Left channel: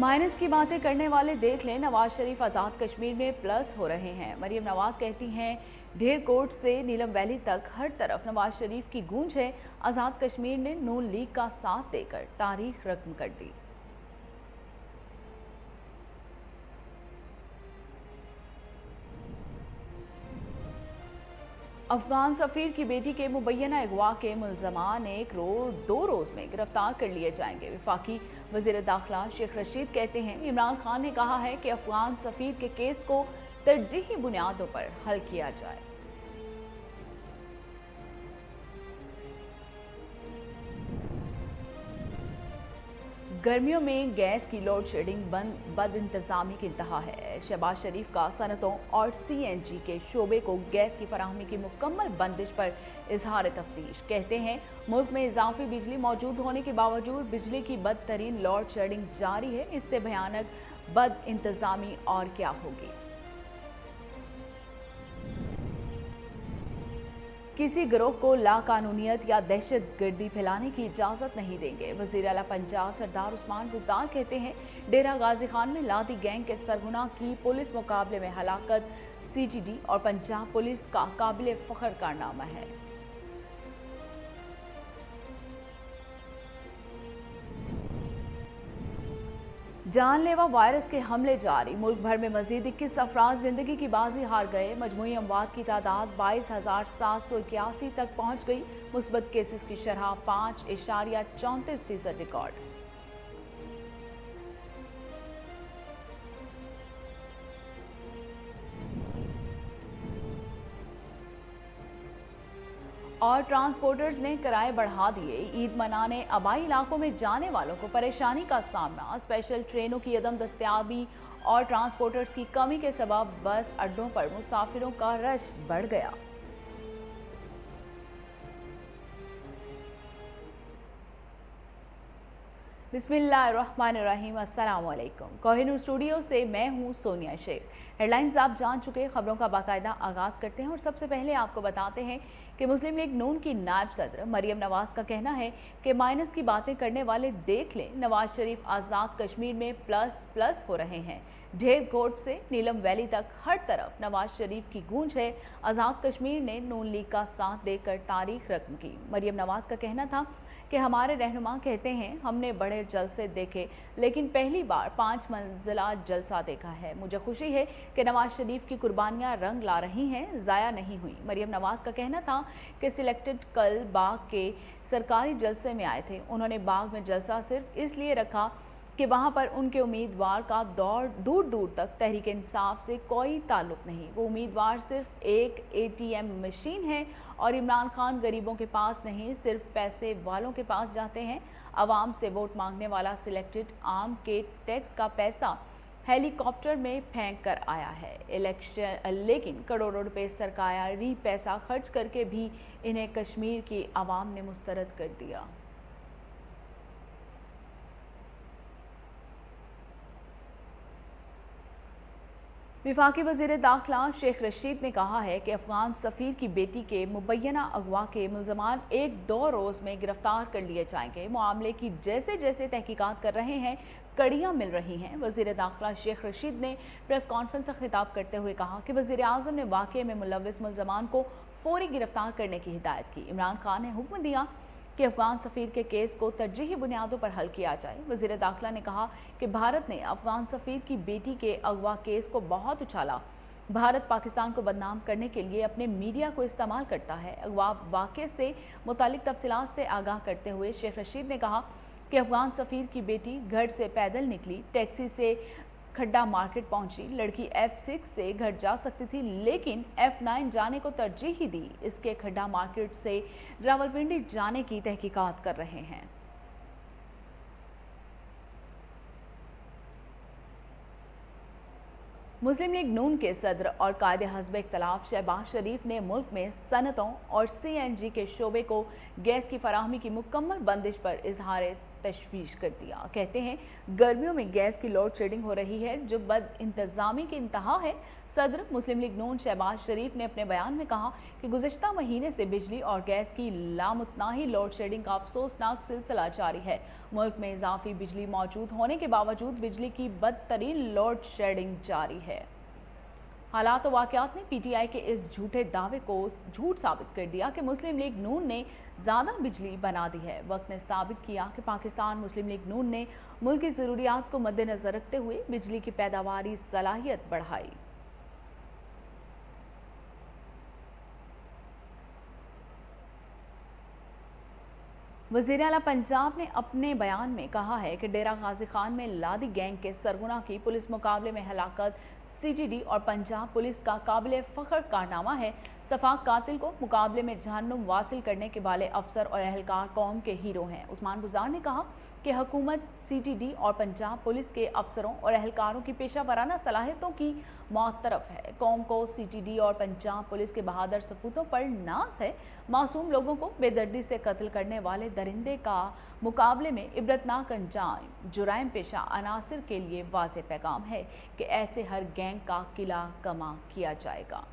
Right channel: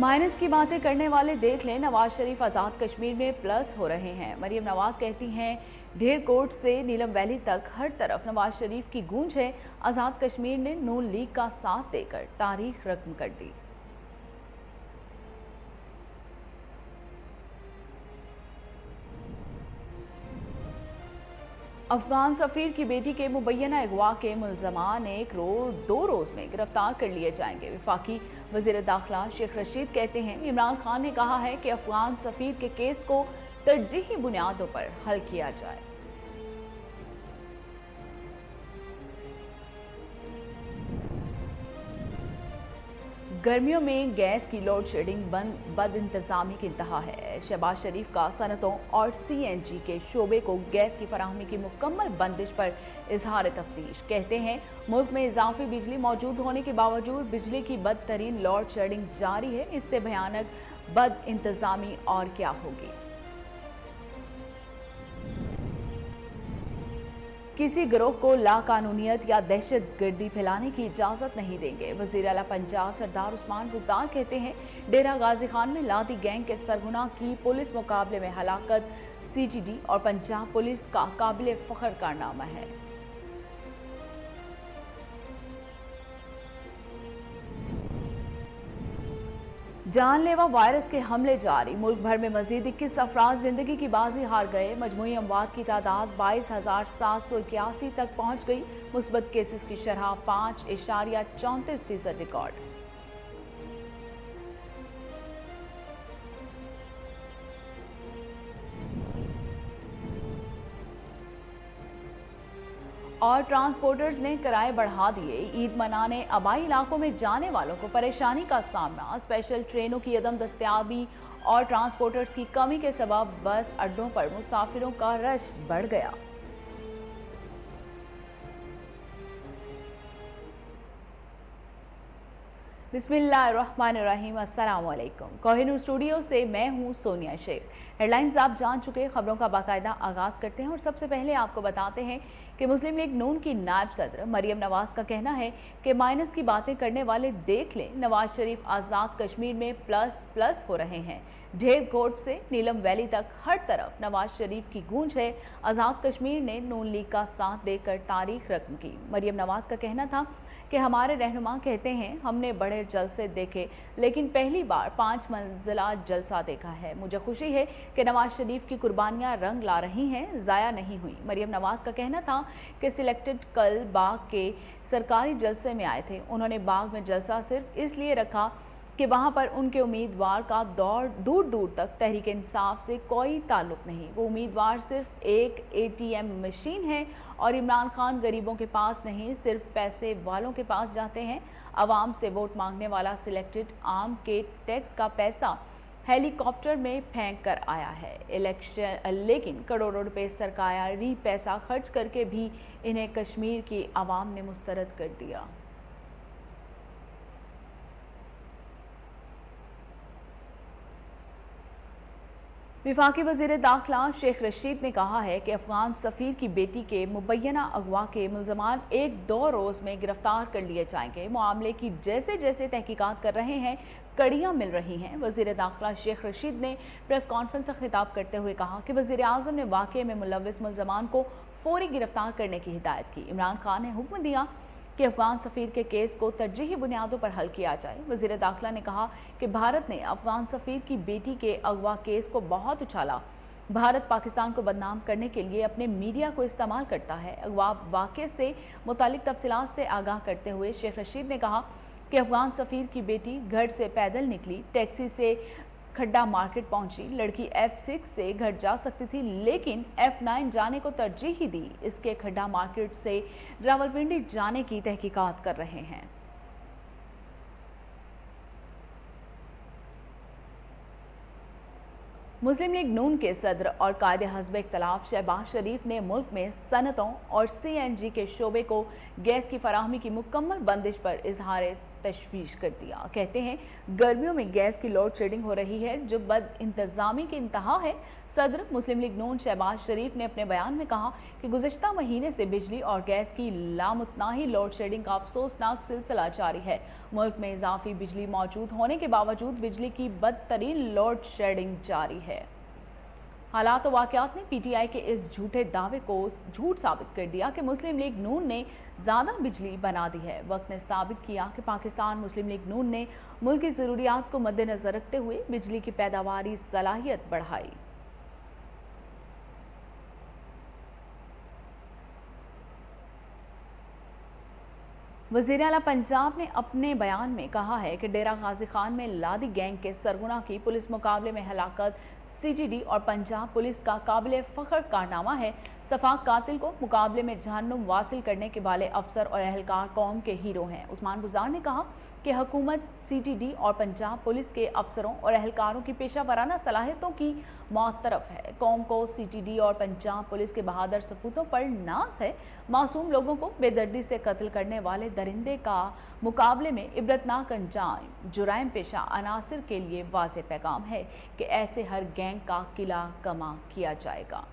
Minus की बातें करने वाले देख लें, नवाज शरीफ आज़ाद कश्मीर में प्लस हो रहे हैं। मरियम नवाज कहती हैं, ढेर कोट से नीलम वैली तक हर तरफ नवाज शरीफ की गूंज है। आज़ाद कश्मीर ने नून लीग का साथ देकर तारीख रकम कर दी। अफगान सफीर की बेटी के मुबैना अगवा के मुलजमान दो रोज में गिरफ्तार कर लिए जाएंगे। वफाकी वजीर दाखिला शेख रशीद कहते हैं, इमरान खान ने कहा है कि अफगान सफीर के केस को तरजीही बुनियादों पर हल किया जाए। गर्मियों में गैस की लोड शेडिंग बद इंतजामी की इंतहा है। शहबाज शरीफ का सनतों और CNG के शोबे को गैस की फराहमी की मुकम्मल बंदिश पर इजहार तफ्तीश। कहते हैं, मुल्क में इजाफी बिजली मौजूद होने के बावजूद बिजली की बदतरीन लोड शेडिंग जारी है। इससे भयानक बद इंतजामी और क्या होगी। किसी गिरोह को लाकानूनियत या दहशत गर्दी फैलाने की इजाजत नहीं देंगे। वजीर आला पंजाब सरदार उस्मान बुज़दार कहते हैं, डेरा गाजी खान में लादी गैंग के सरगना की पुलिस मुकाबले में हलाकत CGD और पंजाब पुलिस का काबिल फख्र कारनामा है। जानलेवा वायरस के हमले जारी, मुल्क भर में मजीद 21 अफराद जिंदगी की बाजी हार गए। मजमूई अमवात की तादाद 22,781 तक पहुंच गई। मुस्बत केसेस की शरह 5.34% रिकॉर्ड। और ट्रांसपोर्टर्स ने किराए बढ़ा दिए। ईद मनाने आबाई इलाकों में जाने वालों को परेशानी का सामना। स्पेशल ट्रेनों की अदम दस्तयाबी और ट्रांसपोर्टर्स की कमी के सबब बस अड्डों पर मुसाफिरों का रश बढ़ गया। बिस्मिल्लाहिर्रहमानिर्रहीम। अस्सलाम वालेकुम। कोहिनूर स्टूडियो से मैं हूं सोनिया शेख। हेडलाइंस आप जान चुके, खबरों का बाकायदा आगाज करते हैं और सबसे पहले आपको बताते हैं कि मुस्लिम लीग नून की नायब सदर मरियम नवाज का कहना है कि माइनस की बातें करने वाले देख लें, नवाज शरीफ आज़ाद कश्मीर में प्लस हो रहे हैं। ढेर कोट से नीलम वैली तक हर तरफ नवाज शरीफ की गूंज है। आज़ाद कश्मीर ने नून लीग का साथ देकर तारीख रकम की। मरियम नवाज का कहना था कि हमारे रहनुमा कहते हैं, हमने बड़े जलसे देखे लेकिन पहली बार 5 मंजिला जलसा देखा है। मुझे खुशी है कि नवाज शरीफ की कुर्बानियां रंग ला रही हैं, ज़ाया नहीं हुई। मरियम नवाज का कहना था कि सिलेक्टेड कल बाग के सरकारी जलसे में आए थे। उन्होंने बाग में जलसा सिर्फ इसलिए रखा कि वहां पर उनके उम्मीदवार का दूर दूर तक तहरीक इंसाफ से कोई ताल्लुक नहीं। वो उम्मीदवार सिर्फ एक ATM मशीन है और इमरान खान गरीबों के पास नहीं, सिर्फ पैसे वालों के पास जाते हैं। आवाम से वोट मांगने वाला सिलेक्टेड आम के टैक्स का पैसा हेलीकॉप्टर में फेंक कर आया है इलेक्शन, लेकिन करोड़ों रुपए सरकारी पैसा खर्च करके भी इन्हें कश्मीर की आवाम ने मुस्तरद कर दिया। वफाकी वजीर दाखिला शेख रशीद ने कहा है कि अफगान सफीर की बेटी के मुबैना अगवा के मुलजमान 1-2 रोज में गिरफ्तार कर लिए जाएंगे। मामले की जैसे जैसे तहकीकात कर रहे हैं, कड़ियां मिल रही हैं। वजीर दाखिला शेख रशीद ने प्रेस कॉन्फ्रेंस से खिताब करते हुए कहा कि वजीर आजम ने वाक़े में मुलव्विस मुलजमान को फौरी गिरफ्तार करने की हिदायत की। इमरान खान ने हुक्म दिया कि अफगान सफीर के केस को तरजीही बुनियादों पर हल किया जाए। वजीर दाखिला ने कहा कि भारत ने अफगान सफीर की बेटी के अगवा केस को बहुत उछाला। भारत पाकिस्तान को बदनाम करने के लिए अपने मीडिया को इस्तेमाल करता है। अगवा वाक़े से मुतालिक तफसीलात से आगाह करते हुए शेख रशीद ने कहा कि अफगान सफीर की बेटी घर से पैदल निकली, टैक्सी से खड्डा मार्केट पहुंची। लड़की F6 से घर जा सकती थी लेकिन F9 जाने को तरजीह ही दी। इसके खड्डा मार्केट से रावलपिंडी जाने की तहकीकात कर रहे हैं। मुस्लिम लीग नून के सदर और कायदे हस्ब इख्तलाफ शहबाज शरीफ ने मुल्क में सनतों और CNG के शोबे को गैस की फराहमी की मुकम्मल बंदिश पर इजहार तशवीश कर दिया। कहते हैं गर्मियों में गैस की लोड शेडिंग हो रही है, जो बद इंतजामी की इंतहा है। सदर मुस्लिम लीग नून शहबाज शरीफ ने अपने बयान में कहा कि गुज़िश्ता महीने से बिजली और गैस की लामुतनाही लोड शेडिंग का अफसोसनाक सिलसिला जारी है। मुल्क में इजाफी बिजली मौजूद होने के बावजूद बिजली की बदतरीन लोड शेडिंग जारी है। हालात और वाकयात ने पीटीआई के इस झूठे दावे को झूठ साबित कर दिया कि मुस्लिम लीग नून ने ज़्यादा बिजली बना दी है। वक्त ने साबित किया कि पाकिस्तान मुस्लिम लीग नून ने मुल्क की ज़रूरियात को मद्देनजर रखते हुए बिजली की पैदावारी सलाहियत बढ़ाई। वज़ीर आला पंजाब ने अपने बयान में कहा है कि डेरा गाजी खान में लादी गैंग के सरगुना की पुलिस मुकाबले में हलाकत सीटीडी और पंजाब पुलिस का काबिल फ़ख्र कारनामा है। सफाक कातिल को मुकाबले में जहन्नुम वासिल करने के वाले अफसर और अहलकार कौम के हीरो हैं। उस्मान बुज़दार ने कहा कि हुकूमत सीटीडी और पंजाब पुलिस के अफसरों और अहलकारों की पेशा वराना सलाहियतों की मुअत्तरफ है। कौम को सीटीडी और पंजाब पुलिस के बहादुर सपूतों पर नाज है। मासूम लोगों को बेदर्दी से कत्ल करने वाले दरिंदे का मुकाबले में इबरतनाक अंजाम जुराइम पेशा अनासिर के लिए वाज़ेह पैगाम है कि ऐसे हर गैंग का किला कमा किया जाएगा।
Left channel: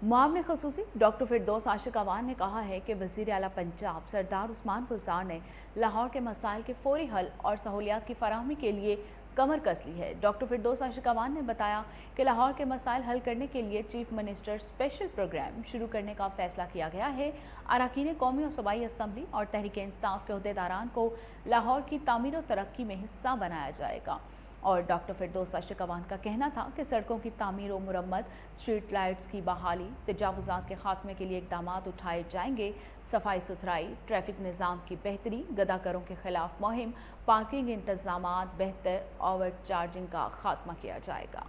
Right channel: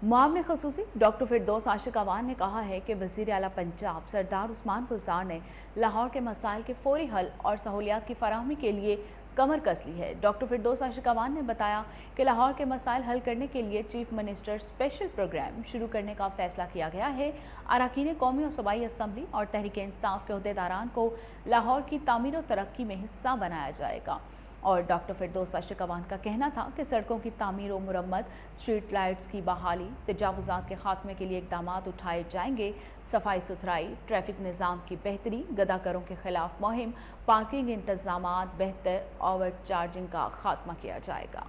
मुआविन खसूसी डॉक्टर फिरदौस आशिक अवान ने कहा है कि वज़ीर आला पंजाब सरदार उस्मान बुज़दार ने लाहौर के मसाइल के फौरी हल और सहूलियात की फराहमी के लिए कमर कस ली है। डॉक्टर फिरदौस आशिक अवान ने बताया कि लाहौर के मसाइल हल करने के लिए चीफ मिनिस्टर स्पेशल प्रोग्राम शुरू करने का फैसला किया गया है। अरकान कौमी और सूबाई असम्बली और तहरीक इंसाफ के अहदेदारान को लाहौर की तामीर और तरक्की में हिस्सा बनाया जाएगा। और डॉक्टर फिरदौस आशिक अवान का कहना था कि सड़कों की तामीर और मुरम्मत, स्ट्रीट लाइट्स की बहाली, तजावुज़ात के खात्मे के लिए इक़दामात उठाए जाएंगे। सफाई सुथराई, ट्रैफिक निज़ाम की बेहतरी, गदाकरों के खिलाफ मुहिम, पार्किंग इंतजामात बेहतर, ओवर चार्जिंग का खात्मा किया जाएगा।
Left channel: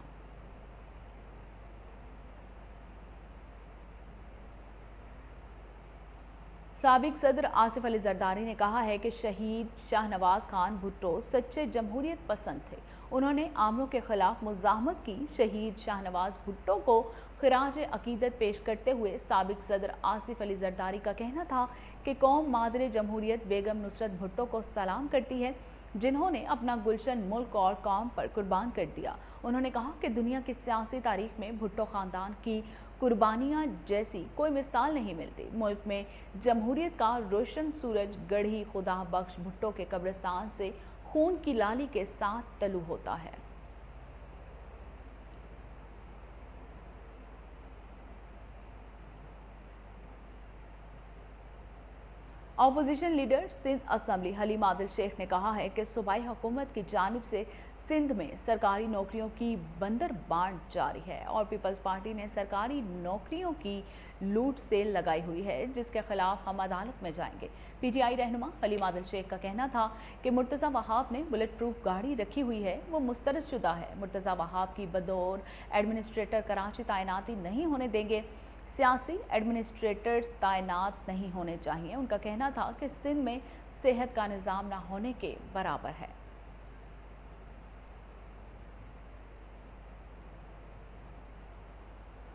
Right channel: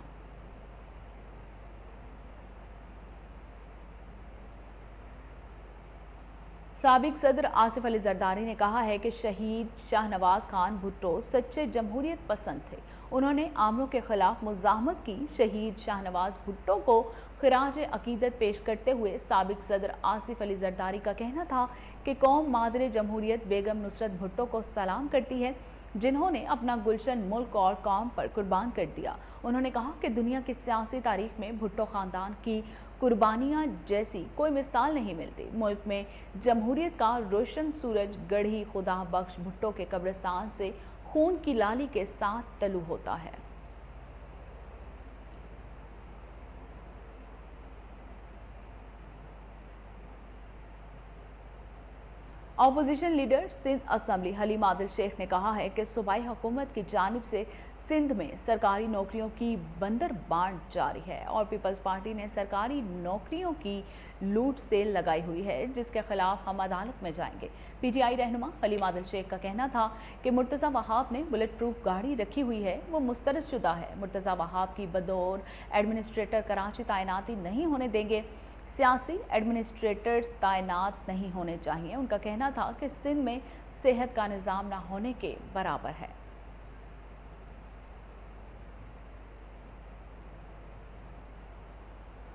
साबिक सदर आसिफ अली जरदारी ने कहा है कि शहीद शाहनवाज खान भुट्टो सच्चे जमहूरियत पसंद थे। उन्होंने आमरों के खिलाफ मुज़ाहमत की। शहीद शाहनवाज भुट्टो को खिराज अकीदत पेश करते हुए साबिक सदर आसिफ अली जरदारी का कहना था कि कौम मादर जमहूरियत बेगम नुसरत भुट्टो को सलाम करती है, जिन्होंने अपना गुलशन मुल्क और कौम पर कुर्बान कर दिया। उन्होंने कहा कि दुनिया की सियासी तारीख में भुट्टो खानदान की कुर्बानियां जैसी कोई मिसाल नहीं मिलती। मुल्क में जमहूरियत का रोशन सूरज गढ़ी खुदा बख्श भुट्टो के कब्रिस्तान से खून की लाली के साथ तलू होता है। Opposition leader Sindh assembly Haleem Adil Sheikh ने कहा है कि सूबाई हुकूमत की जानिब से सिंध में सरकारी नौकरियों की बंदर बांट जारी है और पीपल्स पार्टी ने सरकारी नौकरियों की लूट सेल लगाई हुई है, जिसके खिलाफ हम अदालत में जाएंगे। पीटीआई रहनुमा हलीम आदिल शेख का कहना था कि मुर्तज़ा वहाब ने बुलेट प्रूफ गाड़ी रखी हुई है, वो मुस्तरद शुदा है। मुर्तज़ा वहाब की बदौर एडमिनिस्ट्रेटर कराची तैनाती नहीं होने देंगे। सियासी एडमिनिस्ट्रेटर्स तैनात नहीं होने चाहिए। उनका कहना था कि सिंध में सेहत का निज़ाम न होने के बराबर है।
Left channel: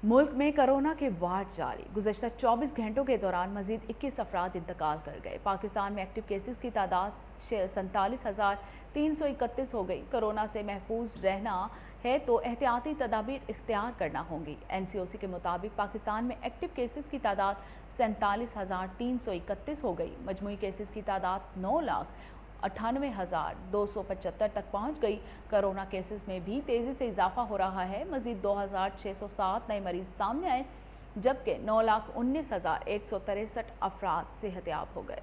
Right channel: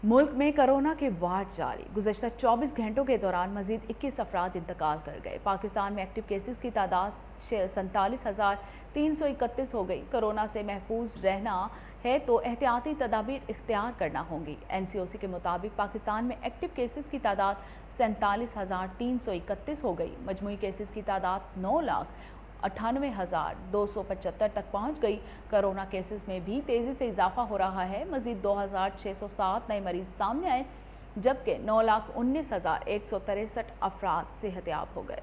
मुल्क में कोरोना के वार जारी। गुज़श्ता 24 घंटों के दौरान मजीद 21 अफराद इंतकाल कर गए। पाकिस्तान में एक्टिव केसेस की तादाद 47,331 हो गई। कोरोना से महफूज रहना है तो एहतियाती तदाबीर इख्तियार करना होंगी। NCOC के मुताबिक पाकिस्तान में एक्टिव केसेस की तादाद 47,331 हो गई। मजमूई केसेस की तादाद 9,98,275 तक पहुंच गई। कोरोना केसेस में भी तेजी से इजाफा हो रहा है। मजीद 2,607 नए मरीज सामने आए, जबकि 9,19,163 अफराद सेहतयाब हो गए।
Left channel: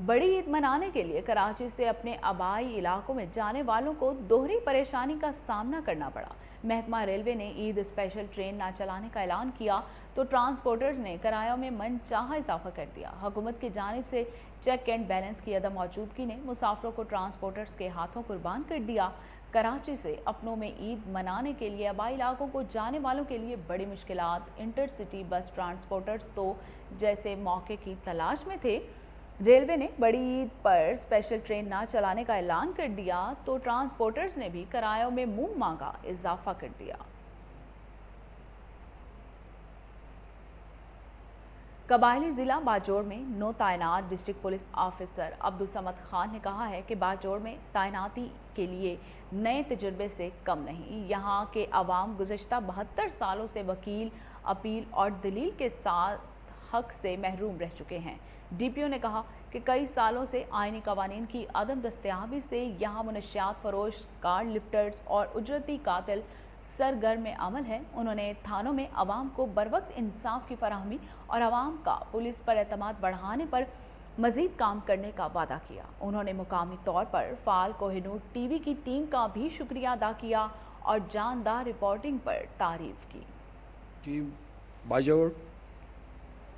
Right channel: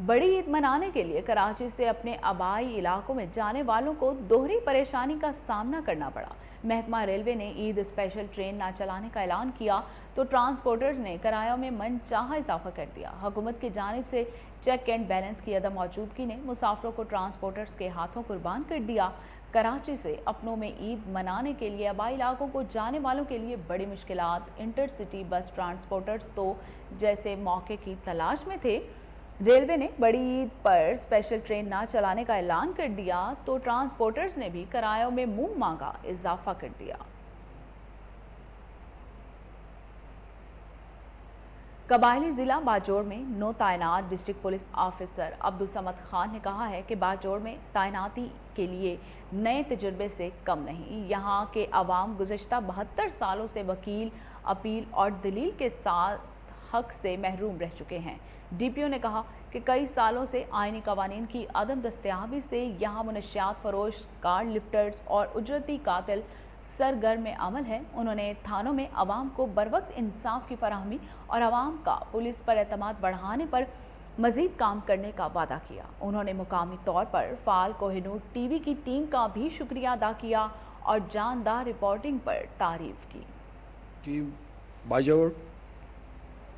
बड़ी ईद मनाने के लिए कराची से अपने आबाई इलाकों में जाने वालों को दोहरी परेशानी का सामना करना पड़ा। महकमा रेलवे ने ईद स्पेशल ट्रेन न चलाने का ऐलान किया तो ट्रांसपोर्टर्स ने किरायों में मनचाहा इजाफा कर दिया। हुकूमत की जानिब से चेक एंड बैलेंस की अदम मौजूदगी ने मुसाफिरों को ट्रांसपोर्टर्स के हाथों कुर्बान कर दिया। कराची से अपनों में ईद मनाने के लिए आबाई इलाकों को जाने वालों के लिए बड़ी मुश्किलात। इंटरसिटी बस ट्रांसपोर्टर्स तो जैसे मौके की तलाश में थे। रेलवे ने बड़ी ईद पर स्पेशल ट्रेन न चलाने का ऐलान कर दिया तो ट्रांसपोर्टर्स ने भी किरायों में मुंह मांगा इजाफा कर दिया। कबायली जिला बाजोड़ में नौ तैनात district police officer Abdul Samad Khan ने कहा है कि बाजोड़ में तैनाती के लिए नए तजुर्बे से कम नहीं। यहाँ के अवाम गुज़श्ता 72 सालों से वकील, अपील और दलील के साथ हक से महरूम रह चुके हैं। डीपीओ ने कहा कि कई सालों से आईनी कवानीन की अदम दस्तयाबी से यहाँ मुनशियात फरोश, कार लिफ्टर्स और उजरती कातिल सरगर्म अमल है। उन्होंने थानों में अवाम को बरवक्त इंसाफ की फराहमी और अवाम का पुलिस पर एतमाद बढ़ाने पर मजीद काम करने का वादा किया। उन्होंने मुकामी तौर पर फाल कोहिनूर टीवी की टीम का भी शुक्रिया अदा किया और जानदार रिपोर्टिंग पर तारीफ की। टीम बाजोड़,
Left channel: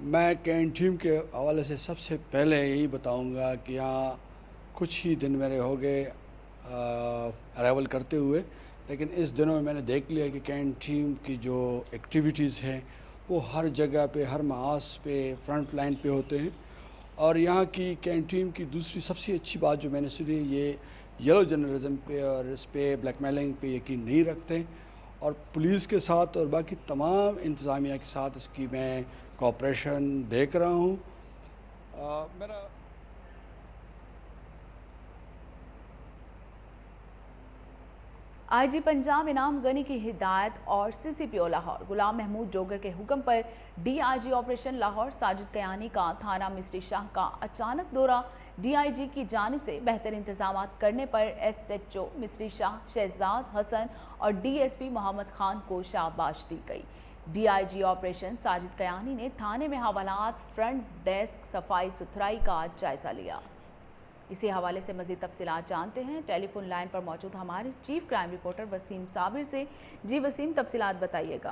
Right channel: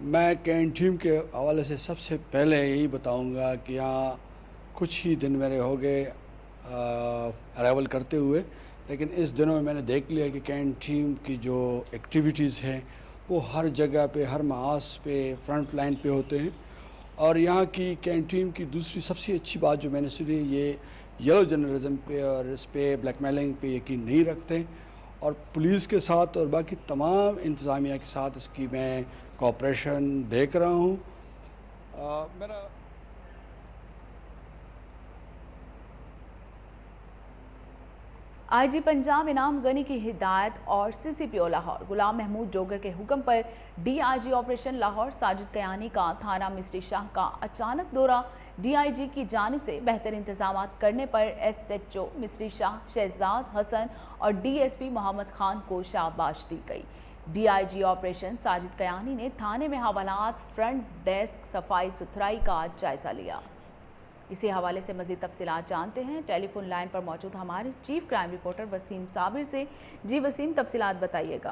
मैं कैन टीम के हवाले से सबसे पहले यही बताऊंगा कि यहाँ कुछ ही दिन मेरे हो गए अराइवल करते हुए, लेकिन इस दिनों में मैंने देख लिया कि कैन टीम की जो एक्टिविटीज़ हैं वो हर जगह पे, हर महाज पे, फ्रंट लाइन पे होते हैं। और यहाँ की कैन टीम की दूसरी सबसे अच्छी बात जो मैंने सुनी, ये येलो जर्नलिज्म पे और इस पे ब्लैकमेलिंग पे यकीन नहीं रखते और पुलिस के साथ और बाकी तमाम इंतज़ामिया के साथ इसकी मैं कोऑपरेशन देख रहा हूँ। मेरा आईजी पंजाब इनाम गनी की हिदायत और सीसीपीओ लाहौर गुलाम महमूद जोगर के हुक्म पर डीआईजी ऑपरेशन लाहौर साजिद कयानी का थाना मिस्री शाह का अचानक दौरा। डीआईजी की जानिब से बेहतर इंतजाम करने पर एसएचओ मिस्री शाह शहजाद हसन और डीएसपी मोहम्मद खान को शाबाश दी गई। डीआईजी ऑपरेशन साजिद कयानी ने थाने में हवालात, फ्रंट डेस्क, सफाई सुथराई का जायजा लिया। इसी हवाले से मजीद तफसीलात जानते हैं टेलीफोन लाइन पर मौजूद हमारे chief crime reporter Waseem Sabir से। जी वसीम, तफसीलात बताइएगा।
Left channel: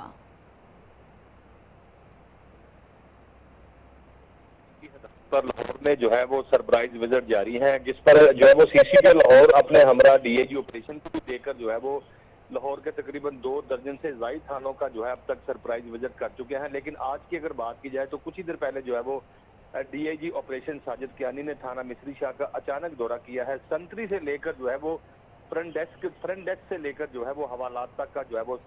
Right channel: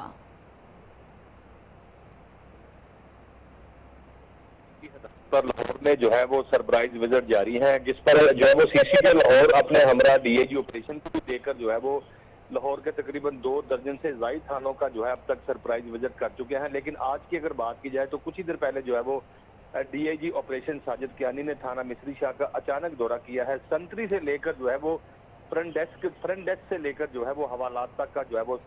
पर लाहौर में जो है वो सरप्राइज विजिट जारी है, जिस पर जो है वो सीसीपी लाहौर अपने हमरा डीआईजी ऑपरेशन को देकर जो है वो लाहौर के तकरीबन 2 दर्जन से ज्यादा थानों का जो है अब तक सरप्राइज विजिट कर चुके हैं। लेकिन आज की अगर बात की जाए तो कुछ ही देर पहले जो है वो डीआईजी ऑपरेशन साजिद कियानी ने थाना मिस्री शाह का अचानक दौरा किया है। संतरी से लेकर जो है वो फ्रंट डेस्क से लेकर जो है वो हवालात तक का जो है वो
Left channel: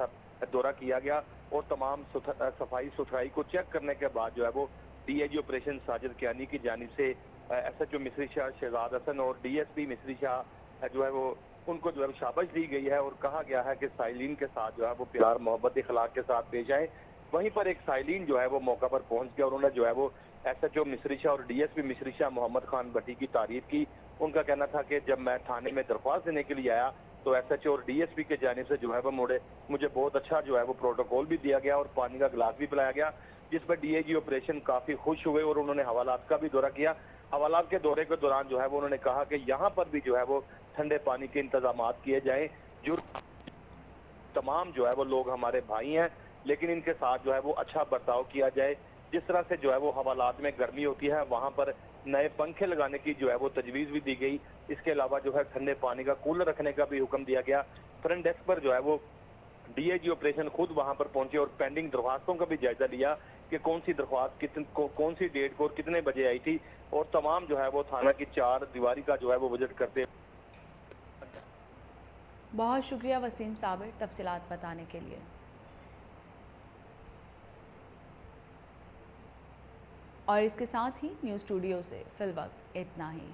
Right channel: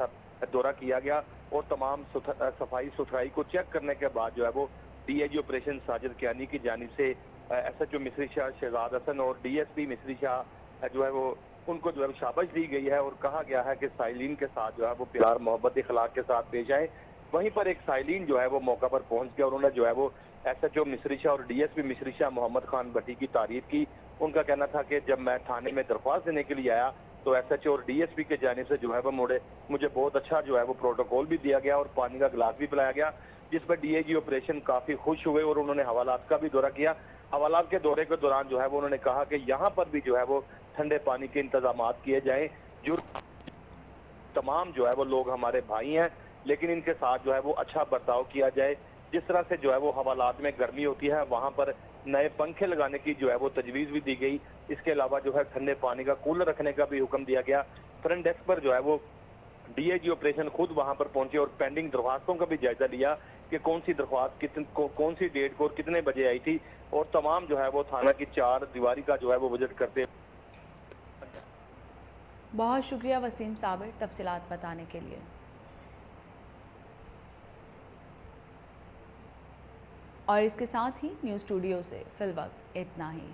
दौरा किया गया और तमाम सफाई सुथराई को चेक करने के बाद जो है वो डीआईजी ऑपरेशन साजिद कियानी की जानिब से एसएचओ मिस्री शाह शहजाद हसन और डीएसपी मिस्री शाह जो है वो उनको जो है शाबाश दी गई है और कहा गया है कि साइलिन के साथ जो है वो प्यार, मोहब्बत, इखलाक के साथ पेश आए। वहीं पर एक साइलिन जो है वो मौका पर पहुंच गया और उन्होंने जो है वो एसएचओ मिस्री शाह और डीएसपी मिस्री शाह मोहम्मद खान भट्टी की तारीफ की। उनका कहना था कि जब मैं थाने में दरख्वास्त देने के लिए आया तो एसएचओ और डीएसपी के जाने से जो है वो मुझे बहुत अच्छा जो है वो प्रोटोकॉल भी दिया गया और पानी का गिलास भी पिलाया गया, जिस पर डीआईजी ऑपरेशन काफी खुश हुए और उन्होंने हवालात का भी दौरा किया। हवालात के दौरे के दौरान जो है वो उन्होंने कहा कि यहाँ पर भी जो है वो ठंडे पानी के इंतजाम किए जाए। जो तमाम जो है वो लोग हमारे भाई हैं, लेकिन इनके साथ जो है वो अच्छा बर्ताव किया जाए। जिस तरह से जो है वो हवालात में गर्मी होती है, वहां पर नए पंखे लगाने की जो है वो तजवीज भी दी गई। इसके अलावा जो है ठंडे पानी का कूलर रखने का भी हुक्म दिया गया। फ्रंट डेस्क पर जो है वो डीआईजी ऑपरेशन खुद वहां पर पहुंचे और पेंडिंग दरख्वास्तों का भी जायजा लिया कि कौन सी दरख्वास्त कौन सी डेट को और कितने बजे आई थी और तमाम जो है वो थाना की 4 दीवारी का जो है वो विजिट करते। बहुत शुक्रिया वसीम साबिर तफसीलात बताने के लिए। और इसके साथ ही न्यूज़ स्टूडियो से फिलवक्त इतना ही।